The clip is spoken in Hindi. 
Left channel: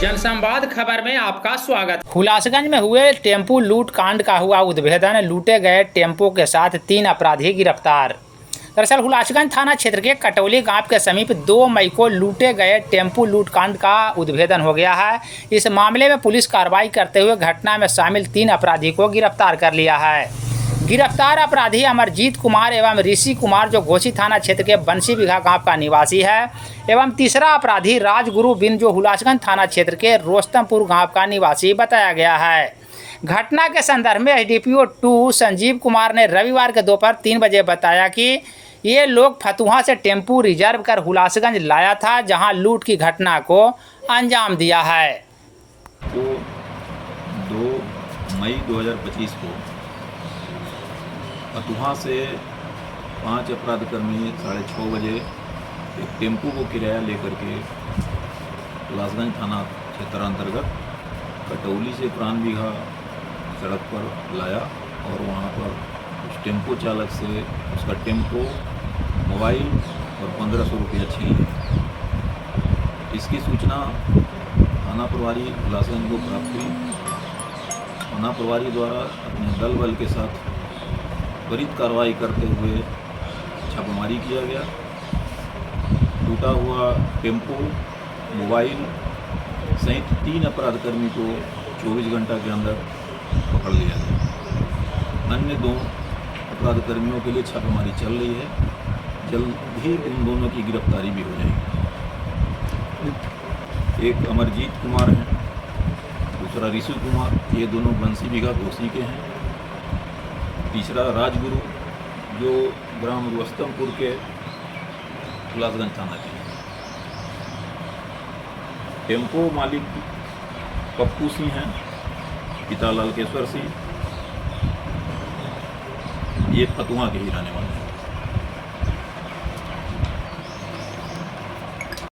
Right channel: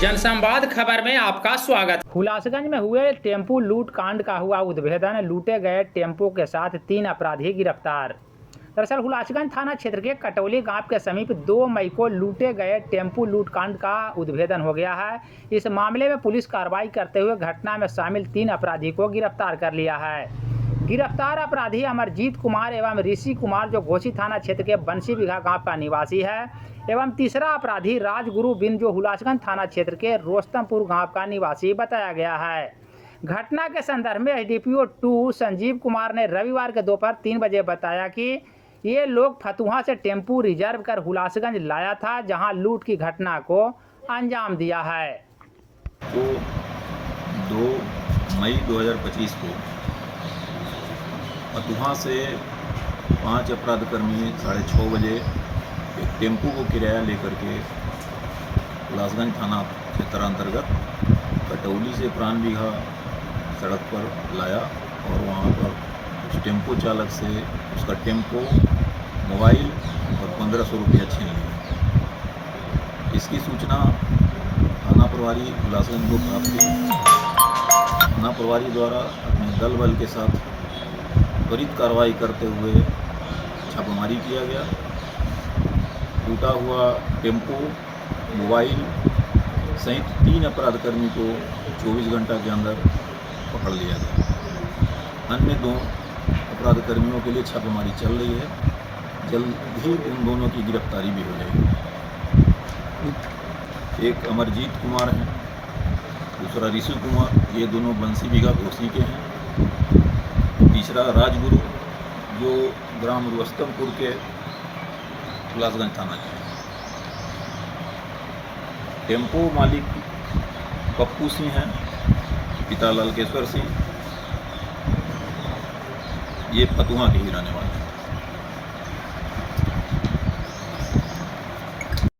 जनसंवाद खबर में आपका स्वागत। हुलासगंज में हुए टेम्पू लूट कांड का हुआ उद्भेदन। लूटे गए टेम्पो के साथ 3 अपराधी गिरफ्तार। दरअसल हुलासगंज थाना क्षेत्र के कटौली गांव के समीप 2 मई को लूटे गए टेम्पू लूट कांड का उद्भेदन हो गया है। इस मामले में पुलिस कार्रवाई करते हुए घटना में शामिल 3 अपराधी को गिरफ्तार कर लिया है। गिरफ्तार अपराधी अमरजीत कुमार एवं ऋषि कुमार जो घोसी थाना क्षेत्र के बंसी बिघा गांव का निवासी है, एवं तीसरा अपराधी राजगुरु बिन जो हुलासगंज थाना क्षेत्र के रोस्तमपुर गांव का निवासी बताया गया है। घटना के संदर्भ में एसडीपीओ 2 संजीव कुमार ने रविवार के दोपहर 3 बजे बताया कि ये लोग फतुहा से टेम्पू रिजर्व कर हुलासगंज लाया था, जहां लूट की घटना को अंजाम दिया है। को 2 मई 2025 को फतुहा से 5 अपराधकर्मी 6:30 बजे एक टेम्पू को किराया लेकर के हुलासगंज थाना क्षेत्र अंतर्गत कटौली से प्राण बिघा सड़क पर लाया और वहाँ पर उस टेम्पो चालक से उसका टेम्पो, मोबाइल और 1500 रुपया छीन लिया। इसकी सूचना थाना प्रभारी हुलासगंज को प्राप्त हुई। थाना प्रभारी द्वारा अपने दल बल के साथ त्वरित कार्रवाई करते हुए छापेमारी किया गया। लूटा हुआ टेम्पो, मोबाइल सहित 3 अपराधकर्मी को 24 घंटा के अंदर पकड़ लिया गया। अन्य 2 अपराधकर्मियों के लिए छापेमारी चल रही है। जल्द ही उन दोनों की गिरफ्तारी भी हो जाएगी। एक अमरजीत कुमार हैं, दूसरा ऋषि कुमार, ये दोनों बंसी बिघा घोसी के हैं। तीसरा राजगुरु जो ग्राम रोस्तमपुर के हुलासगंज थाना के। टेम्पो मालिक पप्पू सिंह हैं, पिता लालकेश्वर सिंह, ये फतुहा के ही रहने वाले हैं।